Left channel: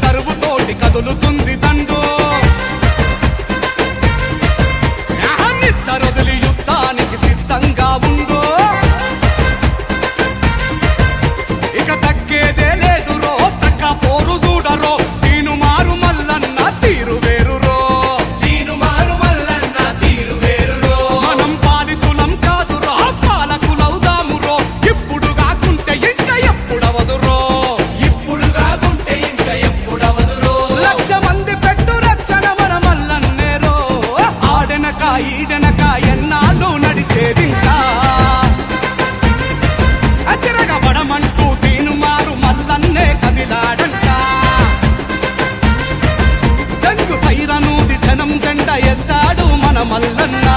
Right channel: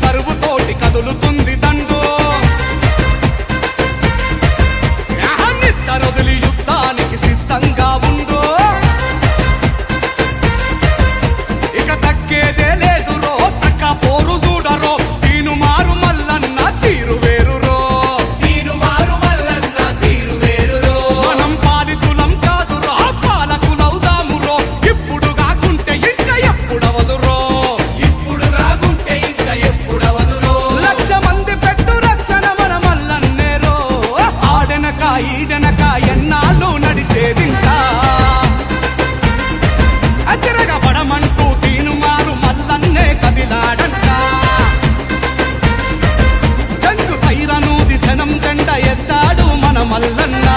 దరువుతోటి కదులుతుంది దండు నిద్దరొదిలి యుద్ధానికి సిద్ధంగా ఉండు ఇక తగ్గేదే లేదురో తక్క పోరు చూడరో తీను మారు మల్లన్న తీరు వేరురో మనం పాలితులం కాదురో పాలకులవుదామురో ఇప్పుడు కాకుంటే ఇంకా ఎప్పుడవదురో ఈడనక ఎన్నాళ్ళు నడిచేదింకా అతిరగబడమంటూ తీను మారు మల్లన్నే కదిలాడంట జంగు సైరనూది జనం జెండ ఎత్తాడు మన మల్లన్న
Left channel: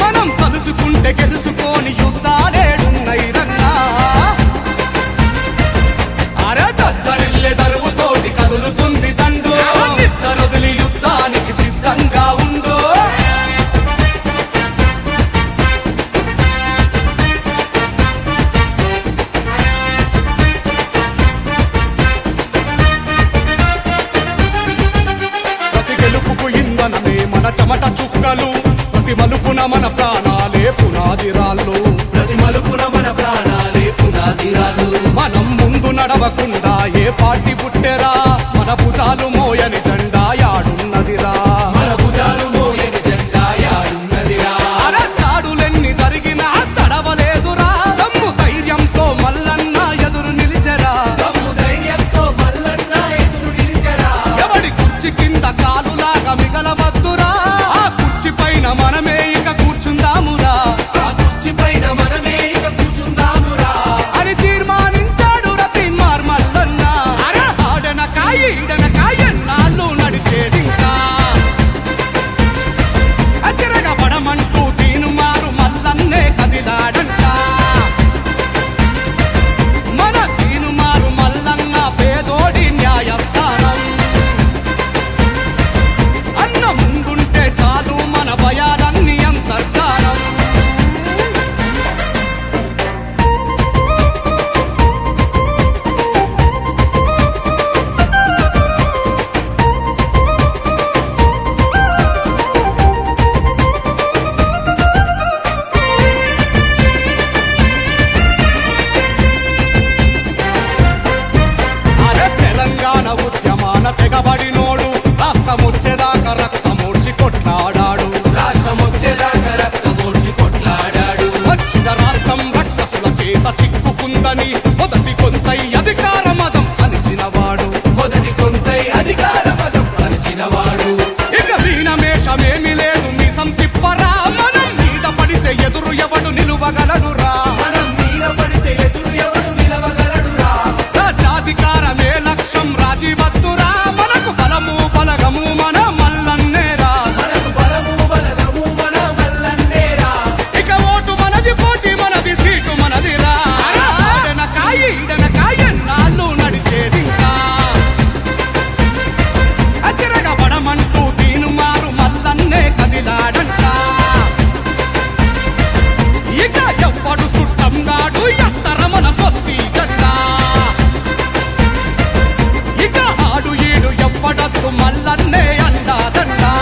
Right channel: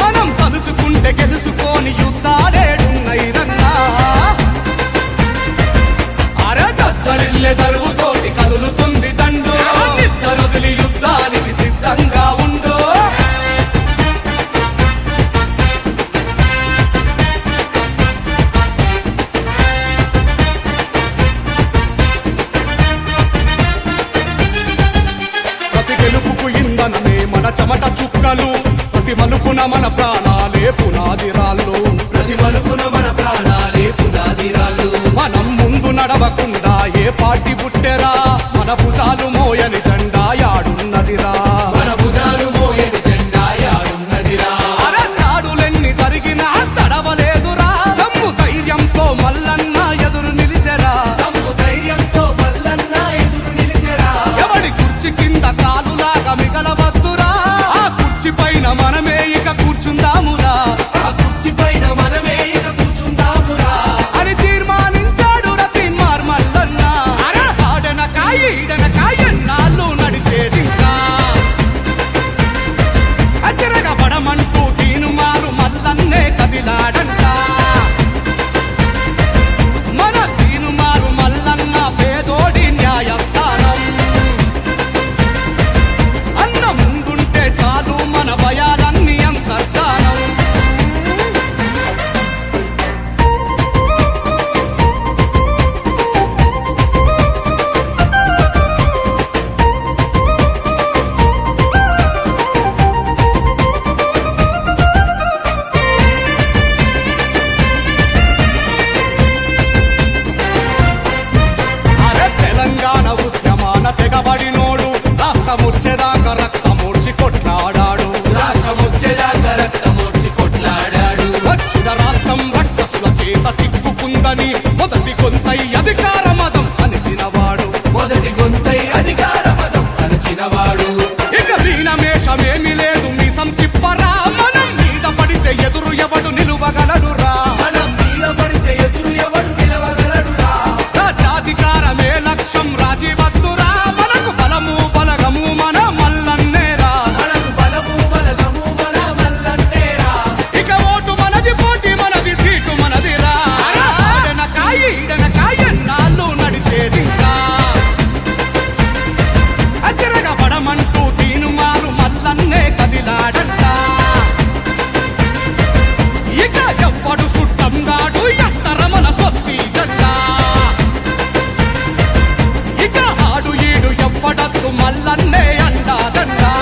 మనం తలుచుకుంటే గెలుచుకోని యుద్ధాలేడున్నైరన్నా అరదద్దరిల్లె దరువుతోటి కదులుతుంది దండు నిద్దరొదిలి యుద్ధానికి సిద్ధంగా ఉండు ప్రతి గెలుపుకు ఇంధనమే మన చెమట చుక్కలు ప్రతి మలుపున మన ప్రాణాలే పునాదిరాళ్ళు మనం ముందు నడవకుండా ఏ పార్టీ పుట్టెరా మన భుజాలు మోయని జెండా యాడున్నదిరా అరతాడులెన్ని జరిగినా తడవలేదురా దమ్ము ధైర్యంతో మల్లన్న ఎదురు నిలిచెరా ఎవడి కుర్చీ కింద కాలులాగా మిగలవద్దురా ఆ కుర్చీ పైన మనమే ఇక కూర్చుందామురా అని తీర్మానించాడు రతీన్మార్ మల్లన్న ఈడనక ఎన్నాళ్ళు నడిచేదింకా అతిరగబడమంటూ తీను మారు మల్లన్నే కదిలాడంట మన తీను మారు మల్లన్న పేదోడి న్యాయస్థానం అన్న ముందుంటే చాలు మన భయాలన్నీ అంతర్ధానం తెలంగాణ ఉద్యమాన తెగబడినోడు రాష్ట్రముచ్చేదాకా రక్తమూడ్చి కొట్లాడాడు వచ్చిన రాష్ట్రం రక్కసుల చేత చిక్కుకుందని మొదటి గొంతై అధికార మదం అణిచినవాడు ఇక మీనమేషమేమి లేదు మీసం తిప్పరా మనం మీద పడితే ఎదురు ఎవడు నిలువగలడురా రాజ్యాధికారమే లక్ష్యం రాజీవద్దురా మనకు బలము బలగము మన మల్లన్నేరా ఇక ఓటు మనది పోటీ మనది సీటు మనదిరా ఈడనక ఎన్నాళ్ళు నడిచేదింకా అతిరగబడమంటూ తీను మారు మల్లన్నే కదిలాడంట ఇక ఎవ్వడు సుట్టంగాడు ఎత్తర మన సొత్తి జెండా ఇక ఆడు ఈడు ఎవ్వడద్దు మల్లన్నే అండాదండా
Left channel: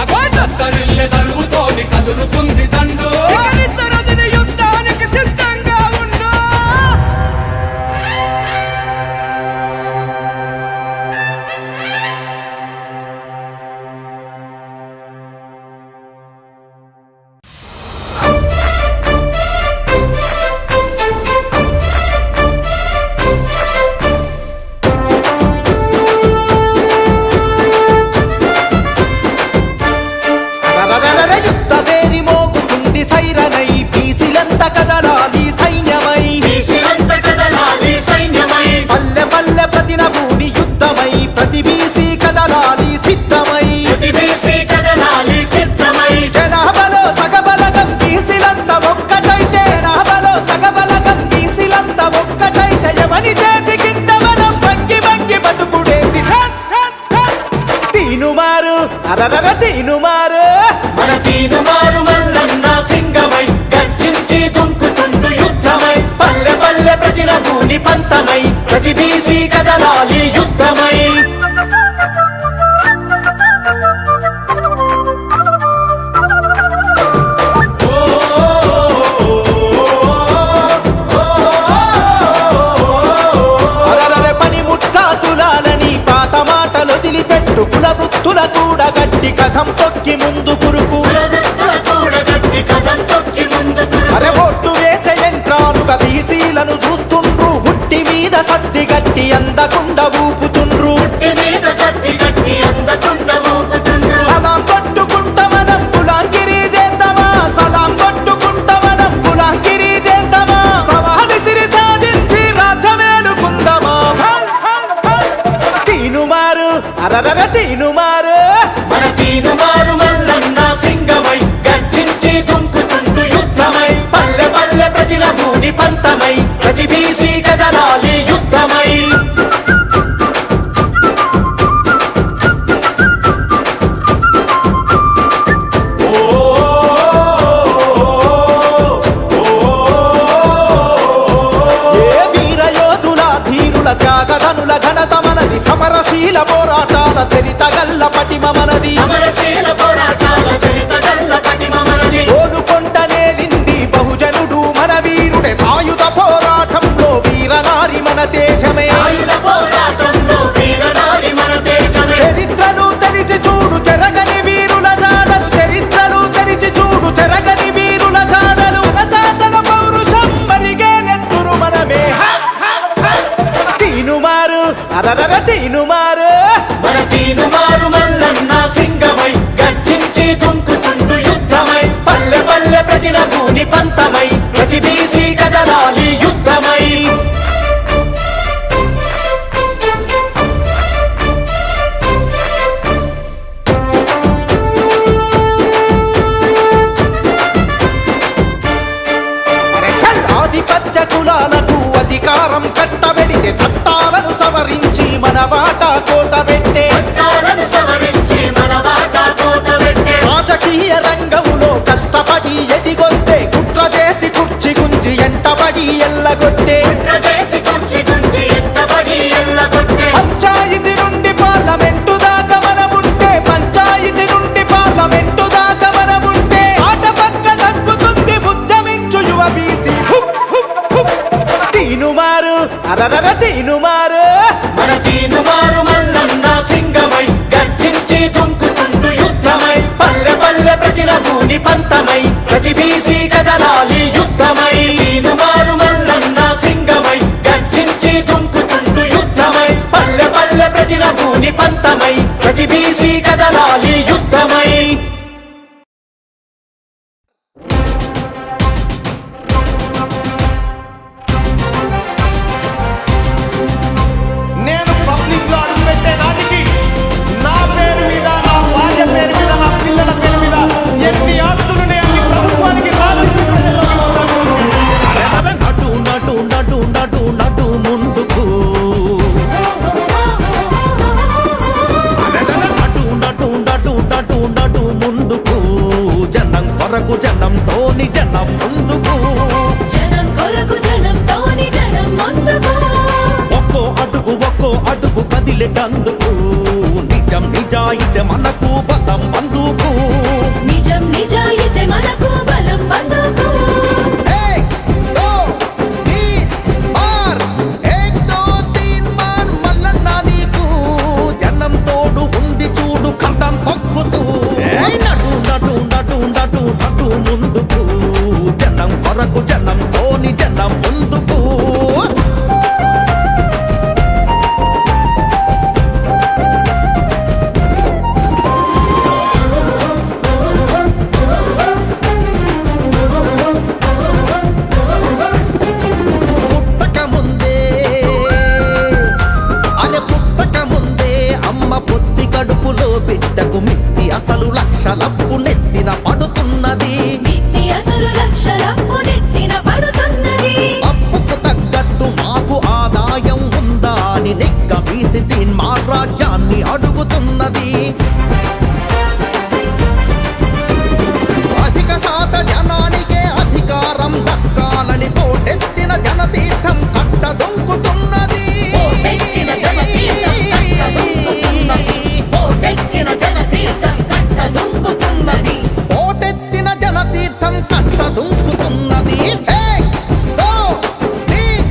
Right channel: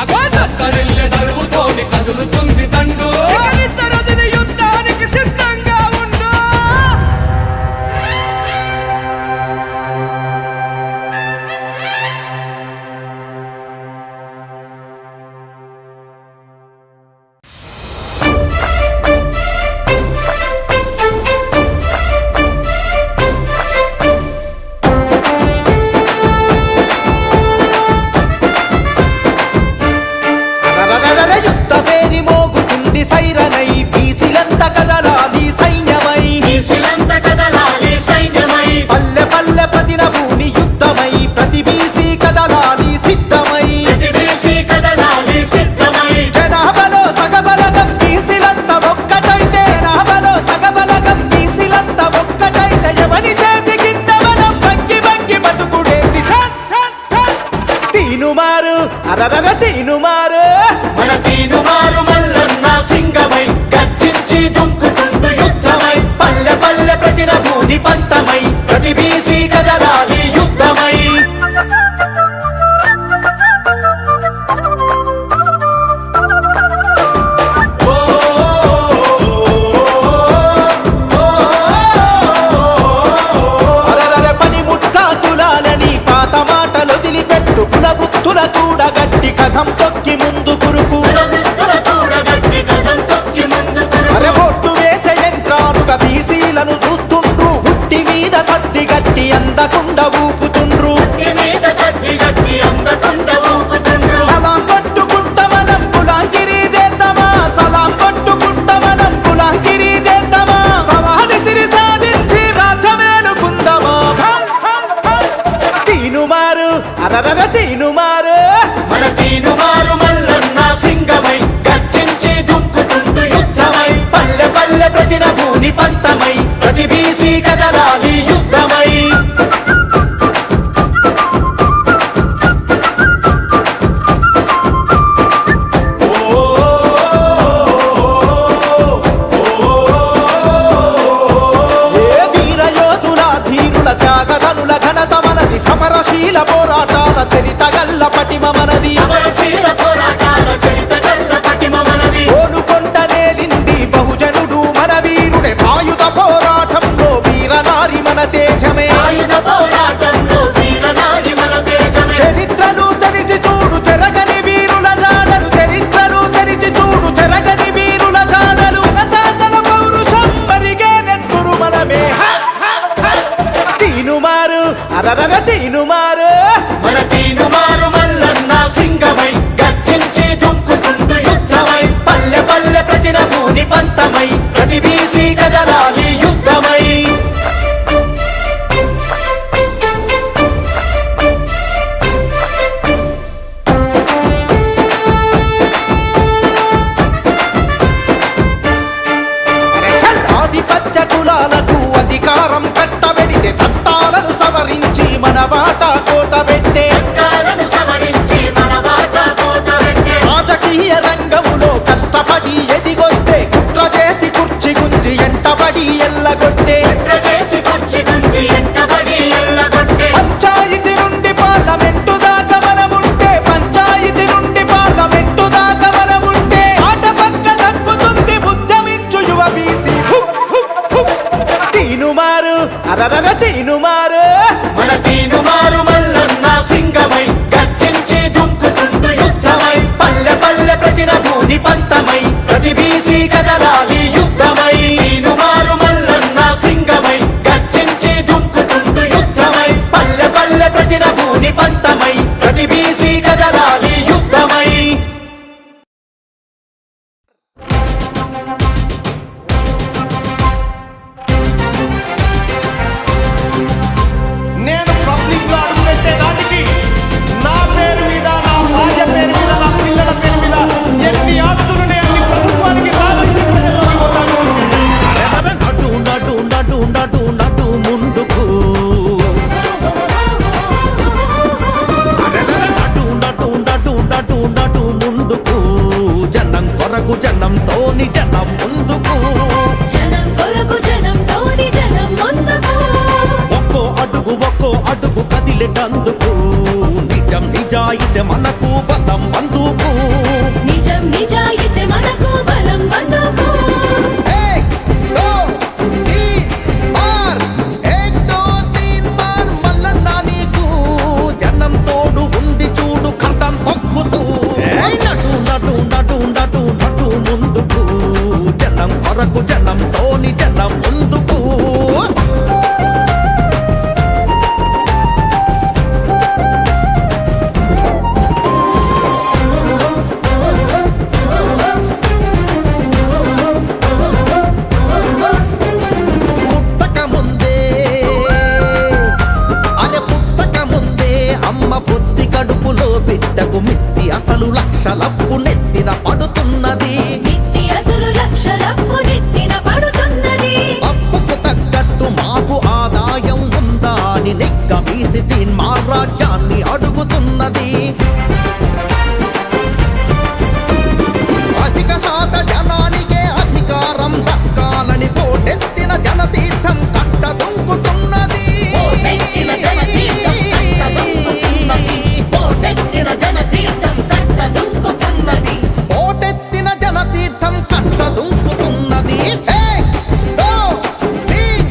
అగోదరిల్లె దరువుతోని కదులుతుంది దండు నిద్దరొదిలి యుద్ధానికి సిద్ధంగా ఉండు యుద్ధ పేరి మోగుతుంది సైరనై బీసీలంత కదలాలి సైన్యమై పల్లె పల్లె ప్రతి నభూని యుద్ధమై ప్రతి బీసీ కదలాలి సిద్ధమై తీనుమారు అరరర తీనుమారు మన తీనుమారు మల్లన్న సింగమై గర్జించి దుంకుతుండు యుద్ధమై పల్లె పల్లె ప్రతిన భూని పంతమై ప్రతి బీసీ కదలాలి యుద్ధమై కులాలని పాత మాటలు వదిలిపెట్టు కుల వృత్తుల కూడా గట్టి కథం తొక్కి ముందు కురుకు అరే బొట్టు వేసే యంత్రాలుగా బీసీలను చూస్తుండ్రు హుట్టి మీద సద్ది గట్టి అందకుండా ఊపుతుండ్రు సలాం కొట్టుకుంటా మనం గులాంగిరి చేద్దామా సలాం కొట్టుకుంటా మనం గులాంగిరి చేద్దామా సవాలి సిరి సాధించి రాజ్యమేలుకుందామా తీనుమారు అరరర తీనుమారు మన తీనుమారు మల్లన్న సింగమై గర్జించి దుంకుతుండు యుద్ధమై పల్లె పల్లె ప్రతిన భూని పంతమై ప్రతి బీసీ కదలాలి యుద్ధమై త్యాగధనుల ఘనత మనది సమరశీల పోరాటాల చరిత గల్ల పటిమ మనది ఓలుకొండనేలింది బహుజనుడు మన వీరుడే సాయుధ పోరాటంలో వీరనారి మన తేజమే చరిత్రను తెరిచి చూడు చెరగని వీరుల జాడలు చరిత్రను తెరిచి చూడు చెరగని వీరుల జాడలు మన తాతల పౌరుషం మరిగే నెత్తురు మనమే తీనుమారు అరరర తీనుమారు మన తీనుమారు మల్లన్న సింగమై గర్జించి దుంకుతుండు యుద్ధమై పల్లె పల్లె ప్రతిన భూని పంతమై ప్రతి బీసీ కదలాలి యుద్ధమై ఆధిపత్య కులాలకు అధికారం కట్టబెడితే చట్టాలను సవరించి మన వాటా కోతబెట్టే రాజకీయ రంగంలో కష్టపడి ఎదిగొస్తే కుట్ర చేసి కుర్చీ గుంజి ఎంటబడి ఎల్లగొట్టే పంచాయతీ నుండి పార్లమెంటు దాకా మనముంటే పంచాయతీ నుండి పార్లమెంటు దాకా మనముంటే ఆట పక్క తగ్గుతుంది ఉద్యమించు యువ బీసీ తీనుమారు అరరర తీనుమారు మన తీనుమారు మల్లన్న సింగమై గర్జించి దుంకుతుండు యుద్ధమై పల్లె పల్లె ప్రతిన భూని పంతమై ప్రతి బీసీ కదలాలి యుద్ధమై తీనుమారు మల్లన్న సింగమై గర్జించి దుంకుతుండు యుద్ధమై పల్లె పల్లె ప్రతిన భూని పంతమై ప్రతి బీసీ కదలాలి యుద్ధమై నడు ముందుకు నడు ముందుకు జనం కొరకు జనంతోని జనం ముందుకు ఒక్కో అడుగు కదిలేటందుకు నిజం నిజాయితే మనకు బలం బందుకు తోడు ఉంది చూడు కథం తొక్కుతూ నడు ముందుకు జనం కొరకు జనంతోని జనం ముందుకు అమ్మ పొత్తి కడుపులో బిడ్డకు మిత్తి అసలు లక్షలప్పు నెత్తిన పడుతున్నది అప్పుకు తగ్గట్టు మాకు ఆదాయం ఉందా అని నిగ్గదీసి తీన్మార్ రాజ్యాన్ని అడుగుతున్నది. అధిక శాత జనానికే అధికారం దక్కాలని పోటెత్తిన జనతీర్థం కట్టదొంకుతున్నది. పోటెత్తిన జనతీర్థం కట్టదొంకుతున్నది. పోటెత్తిన జనతీర్థం కట్టదొంకుతున్నది. పోటెత్తిన జనతీర్థం కట్టదొంకుతున్నది. ఏక్ దో తీన్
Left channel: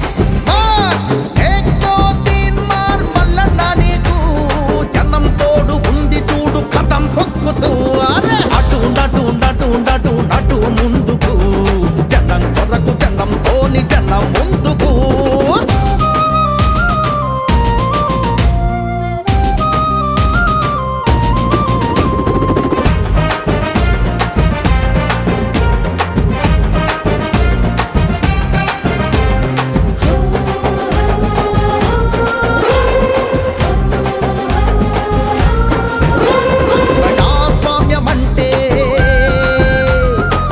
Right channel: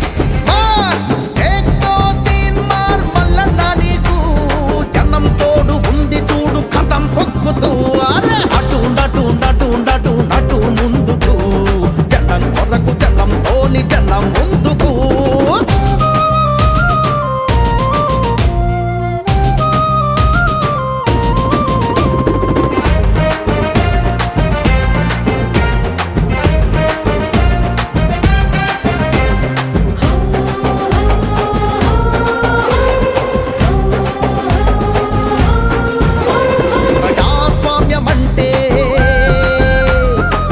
మార్, ఏక్ దో తీన్ మార్ మల్లన్న నీకు జనం తోడు ఉంది చూడు కథం తొక్కుతూ. అరే అటు నటు నటు నటు నటు ముందుకు, జనం కొరకు జనంతోని జనం ముందుకు.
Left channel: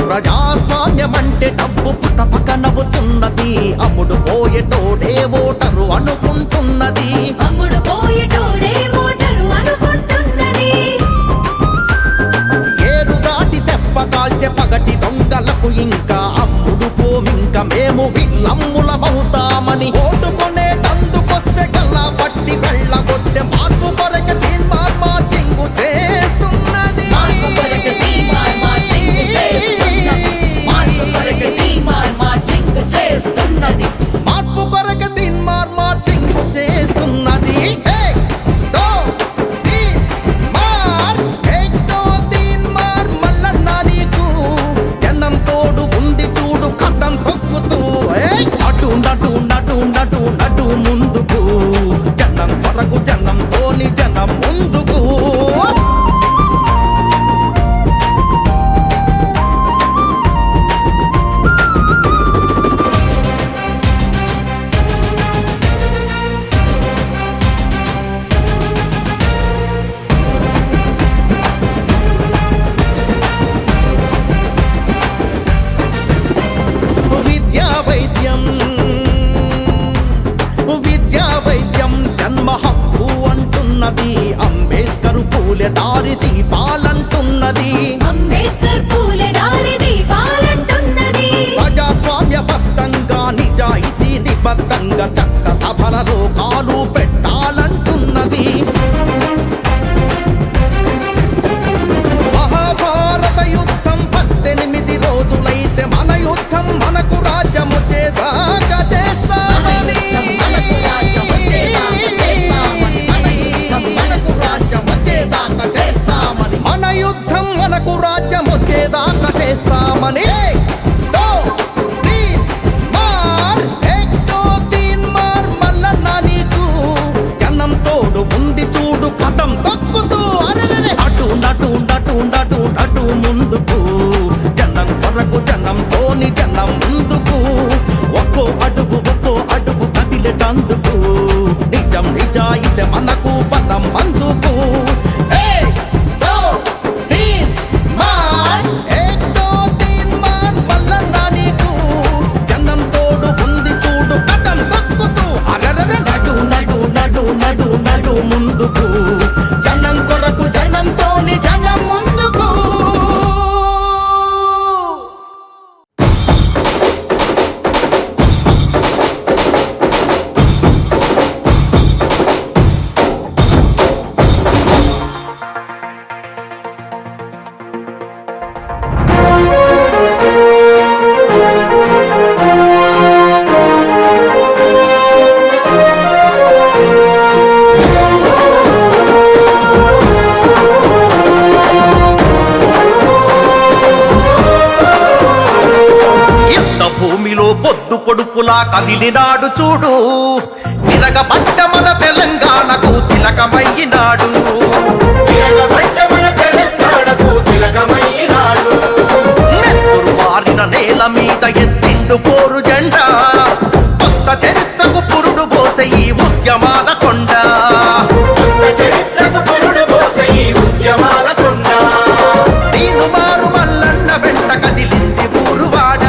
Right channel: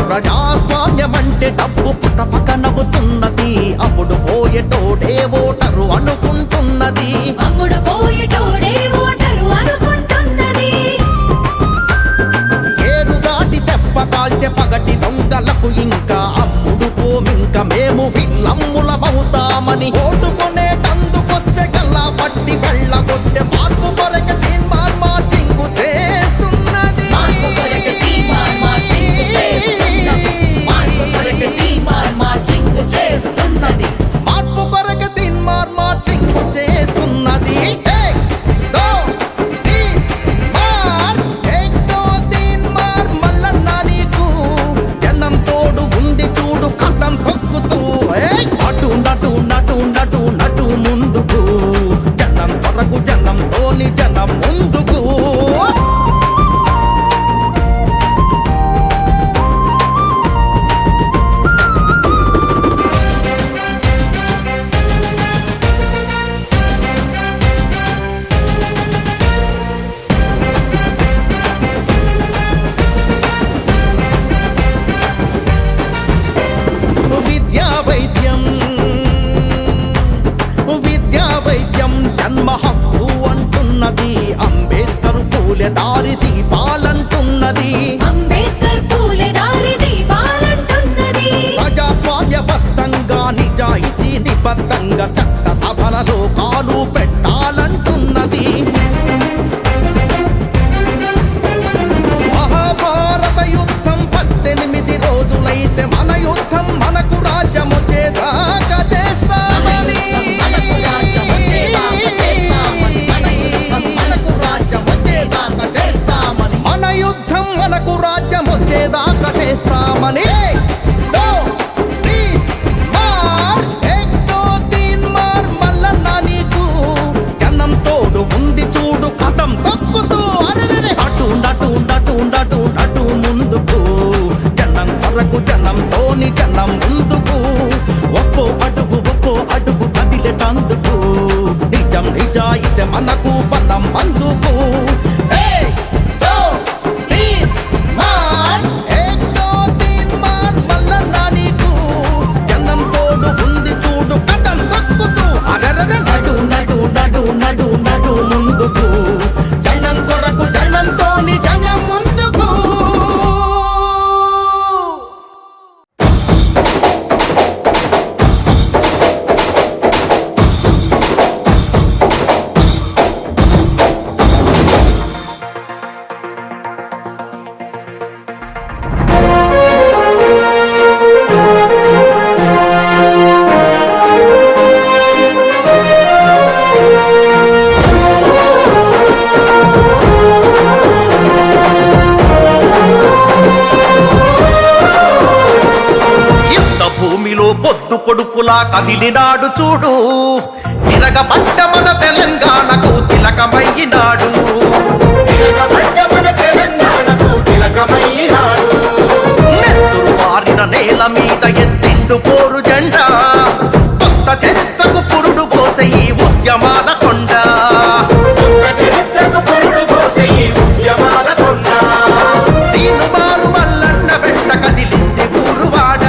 ప్రజాస్వామ్యమంటే డబ్బు పక్క నవ్వుతున్నది. అమ్ముడు పోయేటోడే ఓటరు అనుకుంటున్నది. అమ్ముడు పోయేటోడే ఓటరు అనుకుంటున్నది. ఏరు దాటి దెబ్బ కాల్చే పగటి దొంగలకు ఇంకా అమ్ముడు పోమింక మేము విల్లమ్ములమవుతామని ఓటుకొనేటందుకొస్తే గల్లా పట్టి వెళ్ళగొట్టే మార్పు కొరకే తీన్మార్ మార్చింగు చేస్తున్నది. మార్పు కొరకే తీన్మార్ మార్చింగు చేస్తున్నది. మార్పు కొరకే తీన్మార్ మార్చింగు చేస్తున్నది. మార్పు కొరకు తీన్మార్ మార్చింగు చేస్తున్నది. ఏక్ దో తీన్ మార్, ఏక్ దో తీన్ మార్ మల్లన్న నీకు జనం తోడు ఉంది చూడు కథం తొక్కుతూ. అటు నటు నటు నటు నటు ముందుకు, జనం కొరకు జనంతోని జనం ముందుకు. విద్యా వైద్యం జన్మ హక్కు అంటున్నది. అంబేద్కర్ పూలే దారి దీపాలంటున్నది. అంబేద్కర్ పూలే దారి దీపాలంటున్నది. ప్రజాస్వామ్యబద్ధంగా నిజాయితీ నిబద్ధంగా చట్ట సభలలో కాలు పెట్టాలంటున్నది. మహాభారత యుద్ధం 18 రోజులైతే మన యుద్ధం మనకు రాజ్యం వచ్చేదాకా చేస్తామని. మనకు రాజ్యం వచ్చేదాకా చేస్తామని. మనకు రాజ్యం వచ్చేదాకా చేస్తామని. మన యుద్ధం మనకు రాజ్యం వచ్చేదాకా చేస్తామని. దో తీన్ మార్, ఏక్ దో తీన్ మార్ మల్లన్న నీకు జనం తోడు ఉంది చూడు కథం తొక్కుతూ. అరెరెరె అటు నటు నటు నటు నటు ముందుకు, జనం కొరకు జనంతోని జనం ముందుకు. ఒక్కో అడుగు కదిలేటందుకు, నిజం నిజాయితీ మనకు బలం అందుకు. ఏక్ దో తీన్ మార్, ఏక్ దో తీన్ మార్ మల్లన్న నీకు జనం తోడు ఉంది చూడు కథం తొక్కుతూ. అరెరెరె నడు నడు నడు నడు నడు ముందుకు, జనం కొరకు జనంతోని జనం ముందుకు. భూమిలో పొద్దు పొడుపులా కదిలినాడు చూడు, తిరగబడ్డ మన తెలంగాణకు తిలకమయ్యినాడు. నెత్తురు వారిన నేల మీద ఎత్తిండు పోరు జెండా, కొత్త చరిత్రకు పురుడు పోసే ఈ ఉద్యమాల కొండ. దీను మారు మల్లన్న వెంట కదిలింది ఊరువాడ,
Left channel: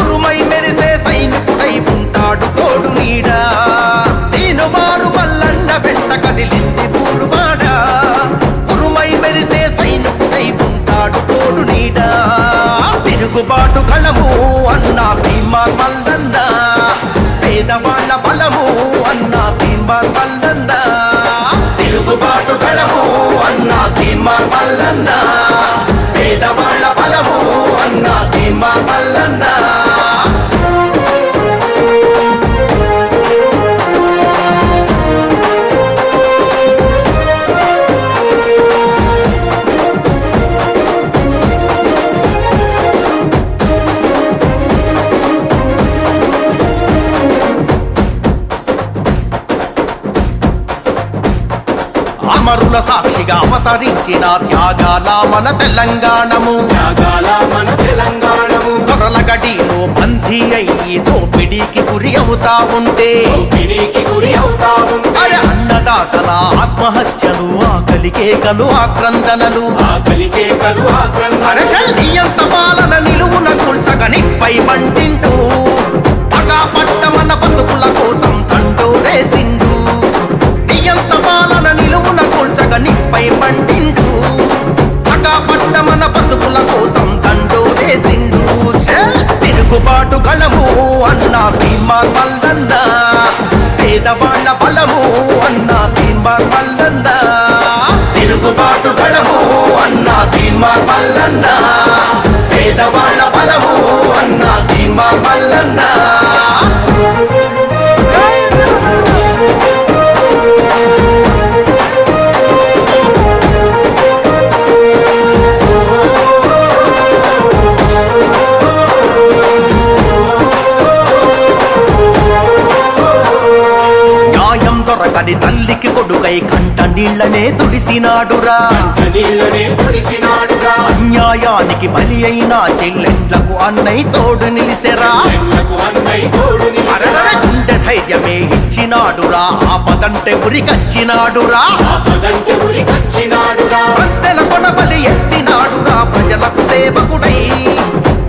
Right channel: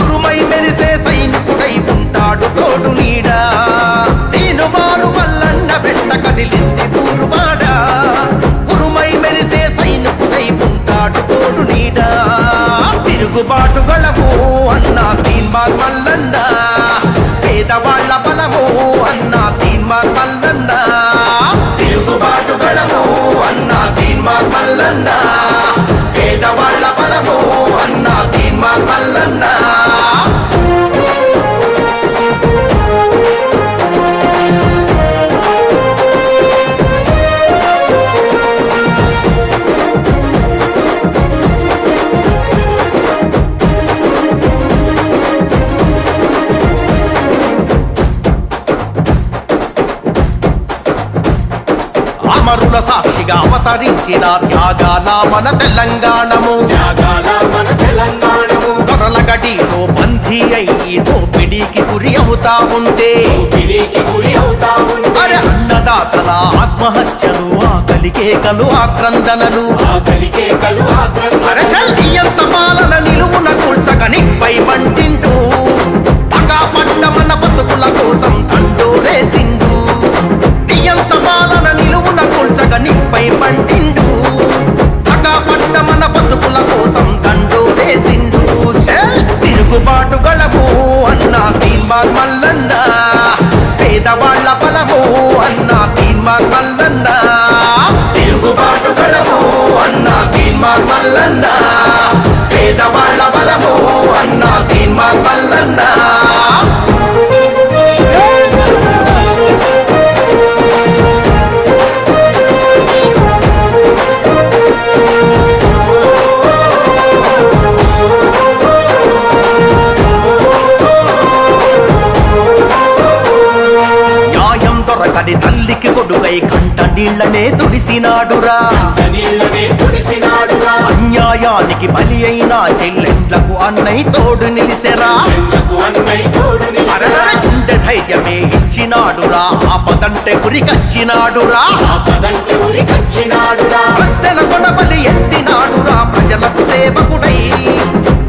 ఉరుమై మెరిసే సైనికుడై ఉంటాడు తోడు నీడా. దీను కదిలింది ఊరువాడ ఉరుమై మెరిసే సైనికుడై ఉంటాడు తోడు నీడా తిరుగుబాటు గళము అన్నా తీన్మార్ మల్లన్న పేదవాళ్ళ బలము అన్నా తీన్మార్ మల్లన్న తిరుగుబాటు గళము అన్నా తీన్మార్ మల్లన్న పేదవాళ్ళ బలము అన్నా తీన్మార్ మల్లన్న అమరుల సాక్షిగా అవతరించిన త్యాగాల మన తెలంగాణము దొరల గడిలో బందీ అయ్యి దోపిడీకి గురి అవుతా ఉంటే అరే అన్నదాతల ఆత్మహత్యలు ఆకలి కేకలు ఆక్రందనలు అరే నియంత పాలన నిలువున కూల్చక నిప్పై మంటిండు పగా పట్ట మన బతుకుల కోసం తండోరేసిండు నియంత పాలన నిలువున కూల్చక నిప్పై మంటిండు పగా పట్ట మన బతుకుల కోసం తండోరేసిండు తిరుగుబాటు గళము అన్నా తీన్మార్ మల్లన్న పేదవాళ్ళ బలము అన్నా తీన్మార్ మల్లన్న తిరుగుబాటు గళము అన్నా తీన్మార్ మల్లన్న పేదవాళ్ళ బలము అన్నా తీన్మార్ మల్లన్న దొరకని తల్లికి కొడుకై కంట నీళ్లనే తుడిసినాడురా అన్యాయానికి బలి అయిన చెల్లెండ్లకు అన్నయ్య తోడు నిలిసెరా అరరర గుండె ధైర్యమే ఇచ్చినాడురా ఆపదంటే ఉరికచ్చినాడురా ప్రశ్నల కొడబలి ఎత్తినాడురా ప్రజలకు సేవకుడై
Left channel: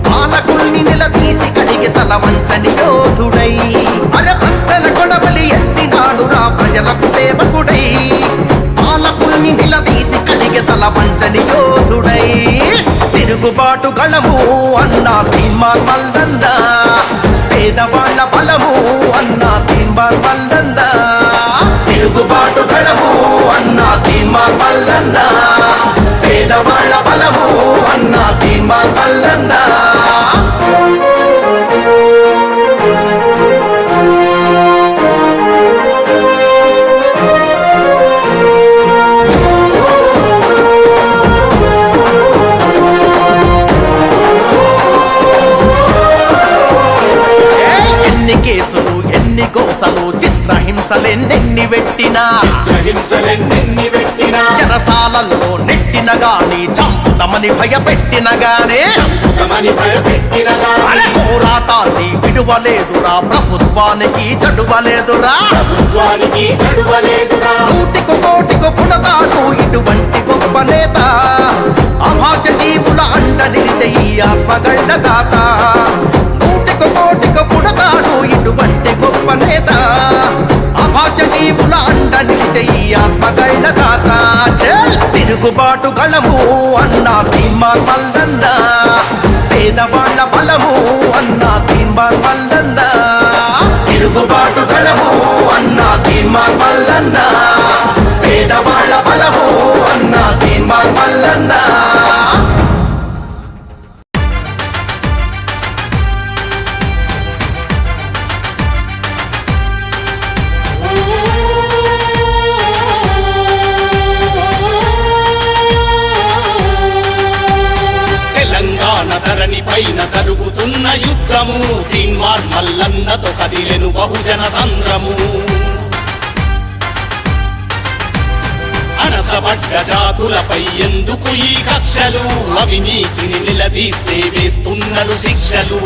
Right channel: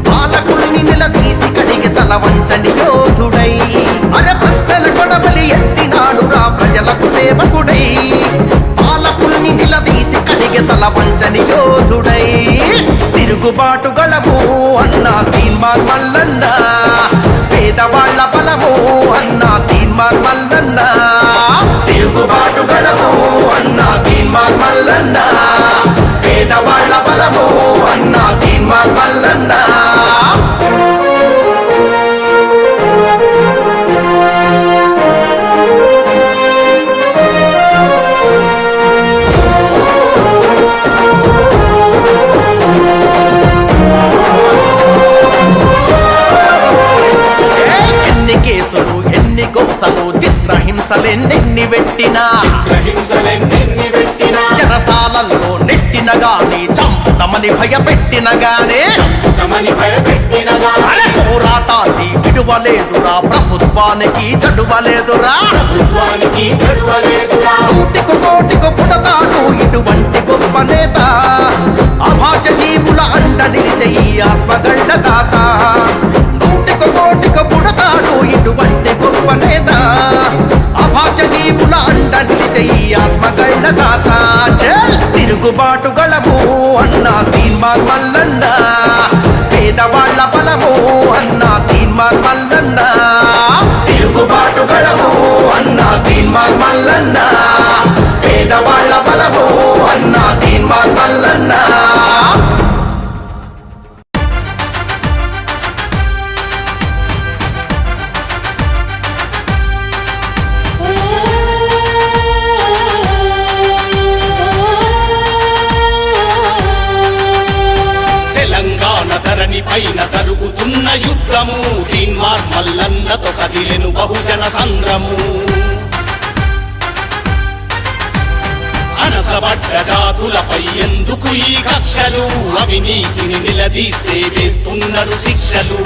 పాలకుల్ని నిలదీసి కడిగి తల వంచని యోధుడై అరే ప్రశ్నల కొడబలి ఎత్తినాడురా ప్రజలకు సేవకుడై పాలకుల్ని నిలదీసి కడిగి తల వంచని యోధుడై తిరుగుబాటు గళము అన్నా తీన్మార్ మల్లన్న పేదవాళ్ళ బలము అన్నా తీన్మార్ మల్లన్న తిరుగుబాటు గళము అన్నా తీన్మార్ మల్లన్న పేదవాళ్ళ బలము అన్నా తీన్మార్ మల్లన్న ఎన్ని కేసులు ఎన్ని గోసలు చిత్రహింసలెన్నెన్ని పెట్టినా చెరసాలల్లో నెట్టిన గాని చంపుతమని భయపెట్టిన గానే అరే పోరాటాన్ని విడువలేదురా ప్రభుత్వానికి చడువలేదురా నూటికి కోటికి పుడతాడు ఇటువంటి గొప్ప నేత అభాగ్య జీవుల అండ నిలిచే ఈ ఆత్మగళ్ళ దాత నూటికి కోటికి పుడతాడు ఇటువంటి గొప్ప నేత అభాగ్య జీవుల అండ నిలిచే ఈ ఆత్మగళ్ళ దాత తిరుగుబాటు గళము అన్నా తీన్మార్ మల్లన్న పేదవాళ్ళ బలము అన్నా తీన్మార్ మల్లన్న తిరుగుబాటు గళము అన్నా తీన్మార్ మల్లన్న పేదవాళ్ళ బలము అన్నా తీన్మార్ మల్లన్న ధరణి పైన జరుగుతున్న యుద్ధము తీన్మార్ మల్లన్నతో కదిలెను బహుజన సంద్రము అనసబడ్డ జాతులపై ఎందుకు ఈ కక్షలు అవినీతిని నిలదీస్తే వేస్తున్నారు శిక్షలు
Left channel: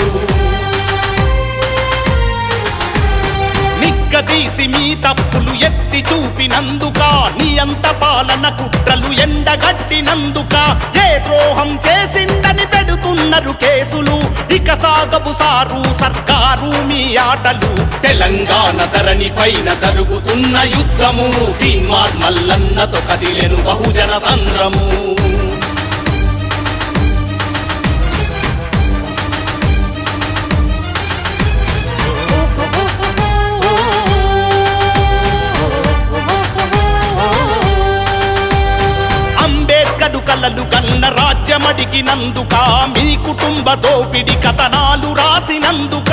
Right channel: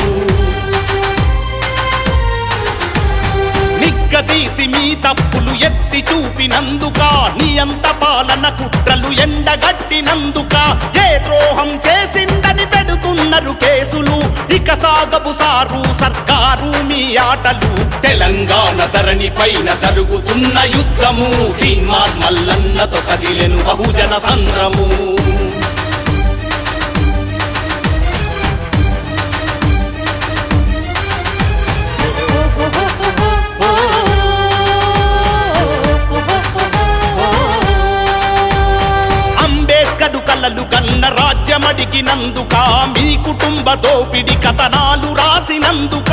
నిగ్గదీసి మీ తప్పులు ఎత్తి చూపినందుక నియంత పాలన కుట్రలు ఎండగట్టినందుక ఏ ద్రోహం చేసిందని పెడుతున్నారు కేసులు ఇక సాగవు సారు సర్కారు మీ ఆటలు తెలంగాణ ధరణి పైన జరుగుతున్న యుద్ధము తీన్మార్ మల్లన్నతో కదిలెను బహుజన సంద్రము అంబేద్కరు కలలు కన్న రాజ్యమడిగినందుక మీ కుటుంబ దోపిడి కథనాలు రాసినందుక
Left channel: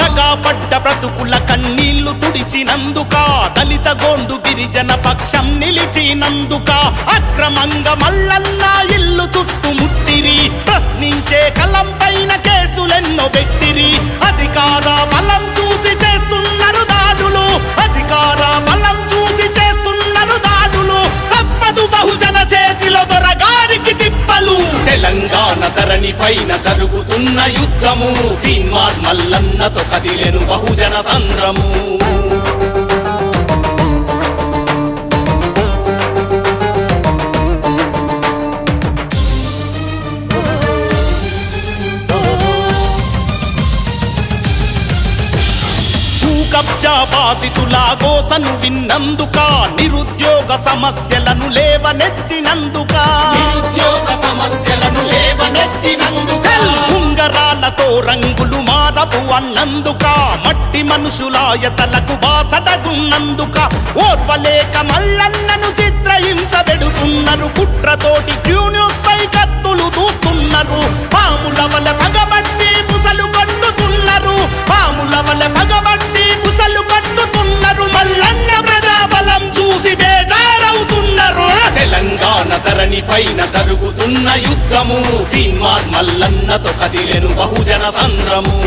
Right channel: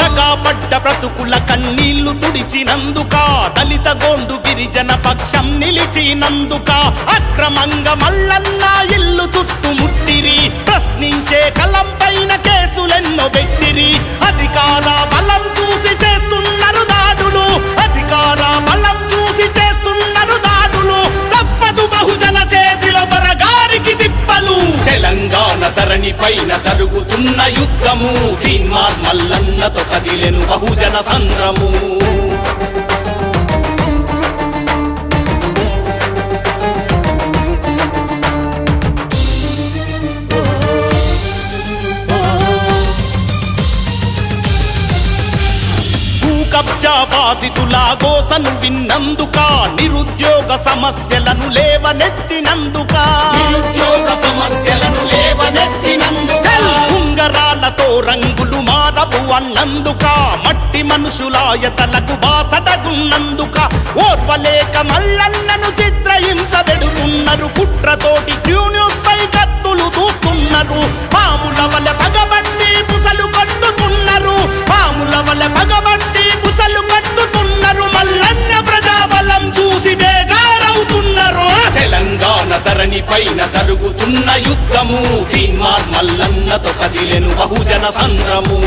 దగాపడ్డ బ్రతుకుల కన్నీళ్లు తుడిచినందుక దళిత గోండు గిరిజన పక్షం నిలిచినందుక అక్రమంగా మల్లన్న ఇల్లు చుట్టుముట్టిరి ప్రశ్నించే కలం పైన కేసులెన్నో పెట్టిరి అధికార బలం చూసి చేస్తున్నారు దాడులు అధికార బలం చూసి చేస్తున్నారు దాడులు తప్పదు బహుజన చేతిలో దొరగారికి తిప్పలు తెలంగాణ ధరణి పైన జరుగుతున్న యుద్ధము తీన్మార్ మల్లన్నతో కదిలెను బహుజన సంద్రము కబ్జా బాధితుల గోసను విన్నందుక నిరుద్యోగ సమస్యలను లేవనెత్తినందుక ఉంగరాలతో రంగులు మారవు అన్నందుక మట్టి మనుషులాయతలకు బాసటగున్నందుక ఓర్వలేక మల్లన్నను చిత్రహింస పెడుతున్నారు కుట్రతోటి క్యూ న్యూస్ పై కత్తులు దూస్తున్నారు పాముల వల్ల పగబట్టి బుసలు కట్టుతున్నారు పాముల వల్ల పగబట్టి బుసలు కట్టుతున్నారు మల్లన్న ప్రజాబలం చూసి బేజారవుతున్నారు తెలంగాణ ధరణి పైన జరుగుతున్న యుద్ధము తీన్మార్ మల్లన్నతో కదిలెను బహుజన సంద్రము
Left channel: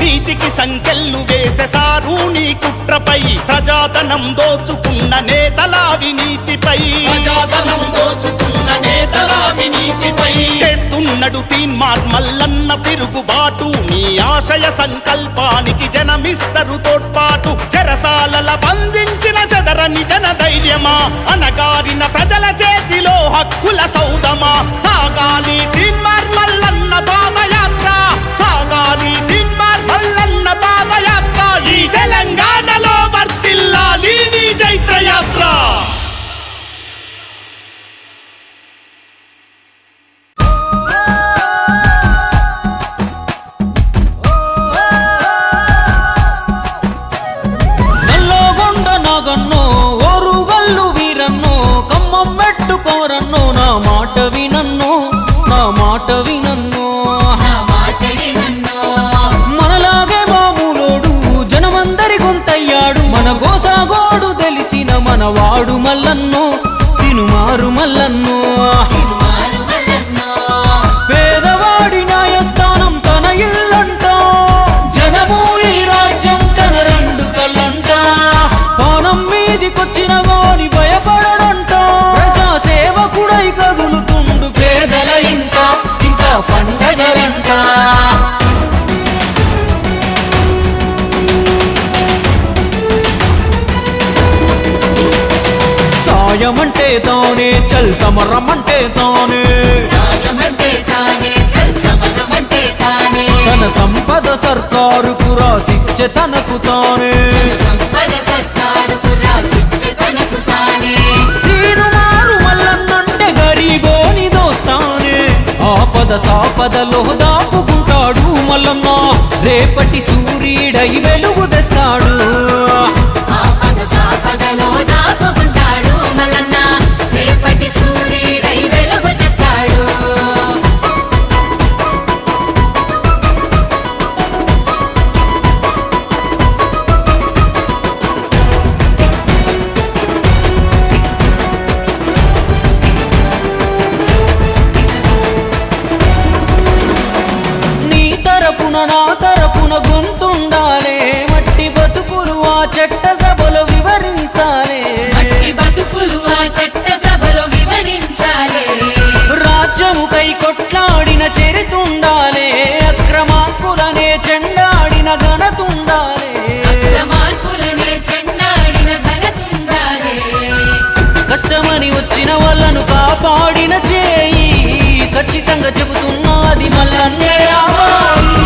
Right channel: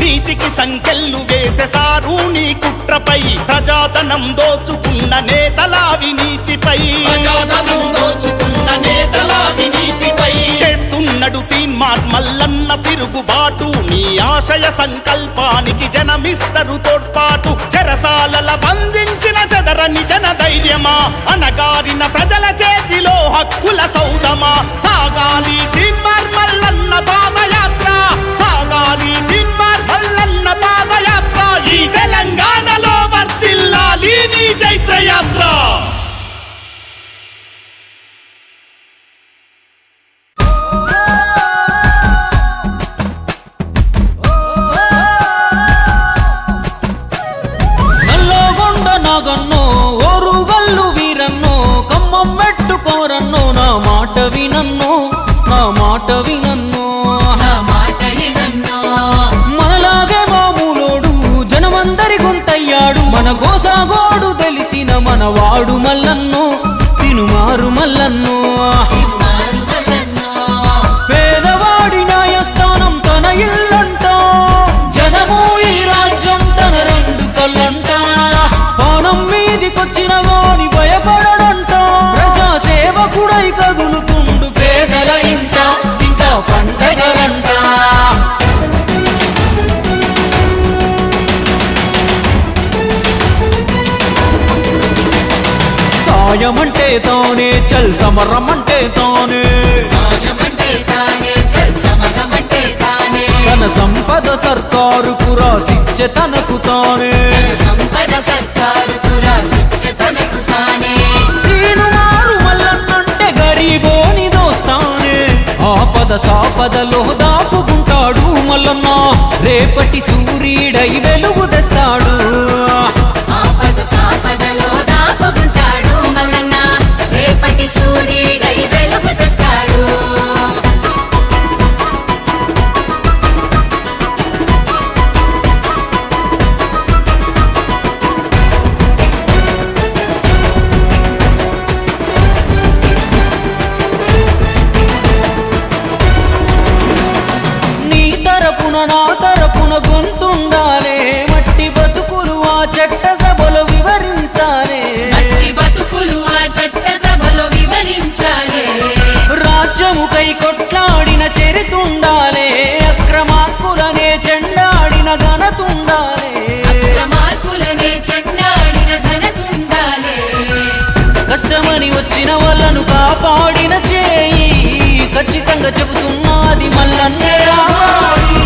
నీతికి సంకెళ్ళు వేసేసారు నీ కుట్రపై ప్రజాధనం దోచుకున్న నేతల అవినీతిపై చేస్తున్నడు తీన్మార్ మల్లన్న తిరుగుబాటు నీ ఆశయ సంకల్పానికి జనమిస్తరు తోడ్పాటు చెరసాలల బంధించిన చెదరని జన ధైర్యమా అనగారిన ప్రజల చేతిలో హక్కుల సౌదమా సాగాలి తీన్మార్ మల్లన్న పాదయాత్ర సాగాలి తీన్మార్ మల్లన్న పాదయాత్ర ఈ తెలంగాణలో వర్తిల్లాలి నీ జైత్రయాత్ర నాగన్నో ఓరుగల్లు వీరన్నో కమ్మం పెట్టుకోరన్నో నా మాట వినన్నో నా మాట వినన్నో మనలాగే మామూలోడు జనమందరి గొంతయ్యాడు మన గోసాగోడు తెలిసిన మనవాడు మల్లన్నో తినుమారు మల్లన్నో పేదవాడి న్యాయస్థానం తన ఇల్లంట జనము ఈ రాజ్యం తన రెండు కళ్ళంట పానం మీదికొచ్చిన గాని భయపడడంట ప్రజా సేవకుడై కదులుతుండు పేదల ఇంట ఇంకా పండగలంట సాయమంటే తానే చల్ సమరమంటే తానే తన సంపద సర్కారుకు రాసిచ్చే తనకు తానే తీనుమారు మల్లన్నంటే గరీబోని దోస్తానే ఆపద సాపదలో దాపుకుంటాడు మల్లన్న రేపటి సూర్యుడై వెలుగు తెస్తాడు నా తరపున గొంతుండా పంచాలే ఈ బతుకులు ఆ చట్ట సభలో వివరించాలే రాజ్యముకై కొట్లాడిన చరితుండాలే అక్రమార్కులనే చెండాడిన ఘనతుండాలే మార్పులనే చెండాడిన ఘనతుండాలే కష్టమని వచ్చిన వాళ్ళను కాపాడిన చేయి ఖచ్చితంగా చెబుతున్నది మల్లన్నే రావాలి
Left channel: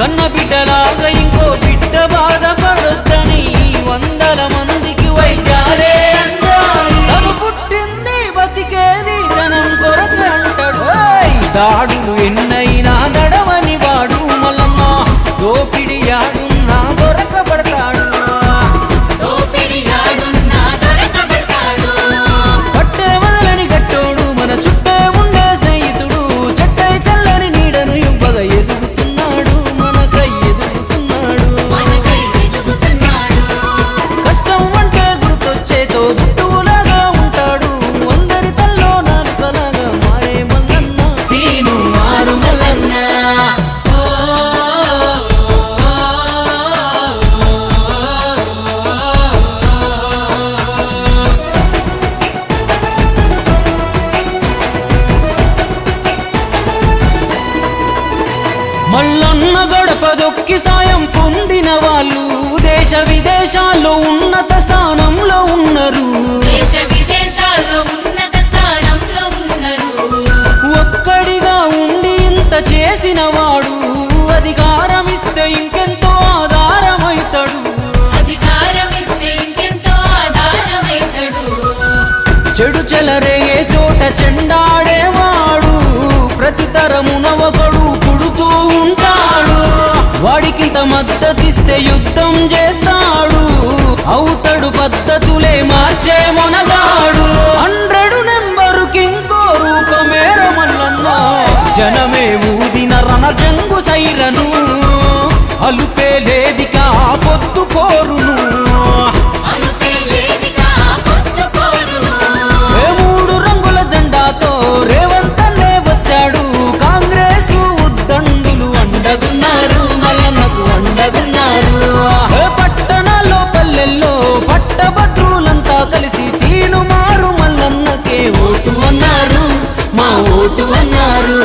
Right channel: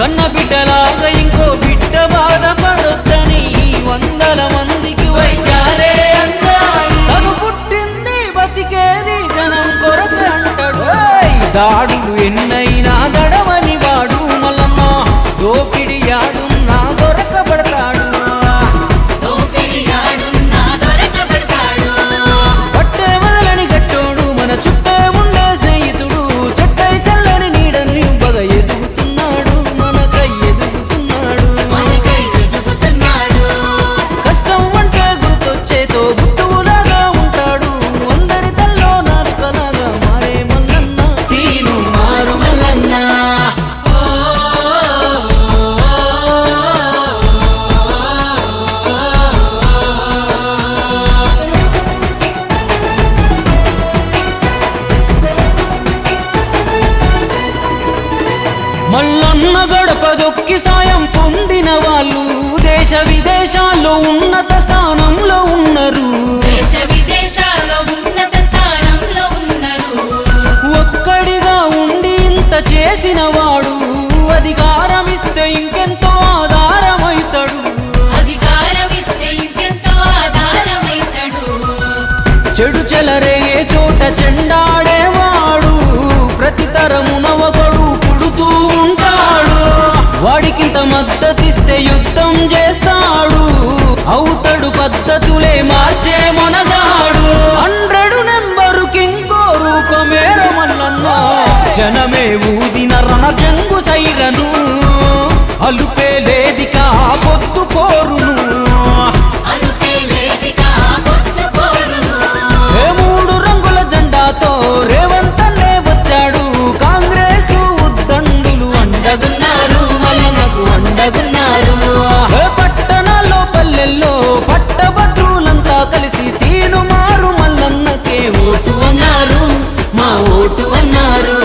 కన్న బిడ్డలాగా ఇంకో బిడ్డ బాధపడొద్దని వందల మందికి వైద్యాలే అందాలి తను పుట్టింది బతికేది జనం కొరకు అంటాడు దాడులు ఎన్నైనా దడవని వాడు మల్లన్న దోపిడి యాడున్నా దొరకబడతాడు పట్టే వదలని గట్టోడు మన చుట్టే ఉండే స్నేహితుడు చెట్టై చల్లని నీడను ఇవ్వగా ఎదుగుతున్నాడు మనకై ఎదుగుతున్నాడు కష్టం అంటే గుర్తొచ్చేతో గుట్టులాగా ఉంటాడు అందరి తల్లో నాలుకలాగా మారే మల్లన్న తీను మారు మల్లన్న మల్లన్న గడప దొక్కి సాయం పొందిన వాళ్ళు దేశ విదేశాల్లో ఉన్నత స్థానంలో ఉన్నారు దేశ విదేశాల్లో ఉన్నత స్థానంలో ఉన్నారు ఒక్కడిగా ఉండి ఇంత చేసిన వాడు అధికారం ఇస్తే ఇంకెంతో ఆధారమైతాడు అధికారం ఇస్తే ఇంకెంతో ఆధారమైతాడు చెడు చెలరేగే చోట చెండాడేవాడు ప్రతి తరమున ఒకడు పుడుతూ ఉంటాడు వాడికింత మద్దతిస్తే యుద్ధం చేస్తాడు అవుతాడు పద్ధతులే మార్చే మొనగాడు 100 నెంబరుకి ఇంకో రూపమేర మల్లన్న జనమే ఊదిన రణజంగు సైరను అలుపే లేదికా పొద్దు పోరును ఏ 3 రంగుల జెండాతో రేవంతన్నే వచ్చాడు కాంగ్రెస్ ఉద్దండులు అండగున్నారు మల్లన్నకు అండగున్నారు ఏ పట్టణాల్లో పల్లెల్లో పట్టభద్రులంతా కలిసి తీను మారు మల్లన్నకే ఓటు అన్నారు మా ఓటు అన్నారు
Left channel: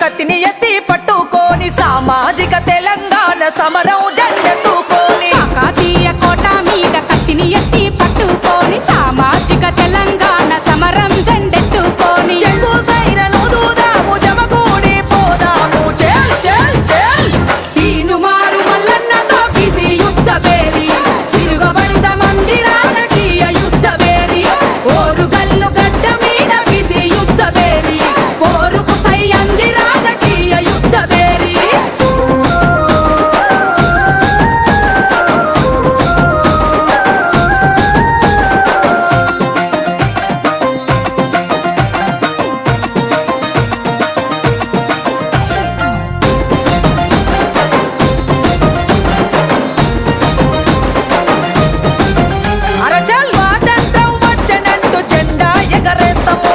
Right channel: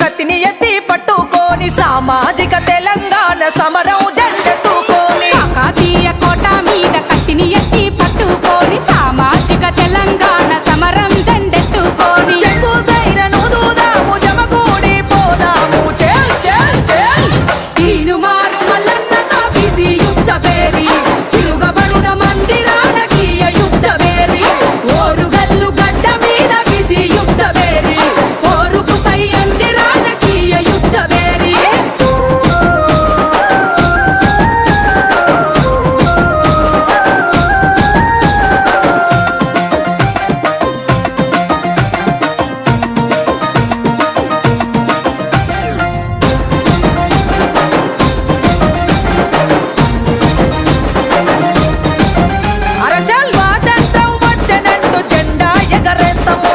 కత్తిని ఎత్తి పట్టుకొని సామాజిక తెలంగాణ సమరం జెండెత్తుకొని కాకతీయ కోట మీద కత్తిని ఎత్తి పట్టుకొని సామాజిక తెలంగాణ సమరం జెండెత్తుకొని చెంగు సైరను దూదాము జమగూడి పోదాము చెల్ చెల్ చెల్ తీను మారు మల్లన్నతో బిసి యుద్ధ పేరి తిరుగబడుద మంది రాజకీయ యుద్ధ పేరి ఓరుగల్లు గడ్డ మీద బిసి యుద్ధ పేరి పోరుకు సై అంది రాజకీయ యుద్ధ పేరి అరచల్ స్వాతంత్రం వచ్చనంటూ జెండా ఎగరేస్తాము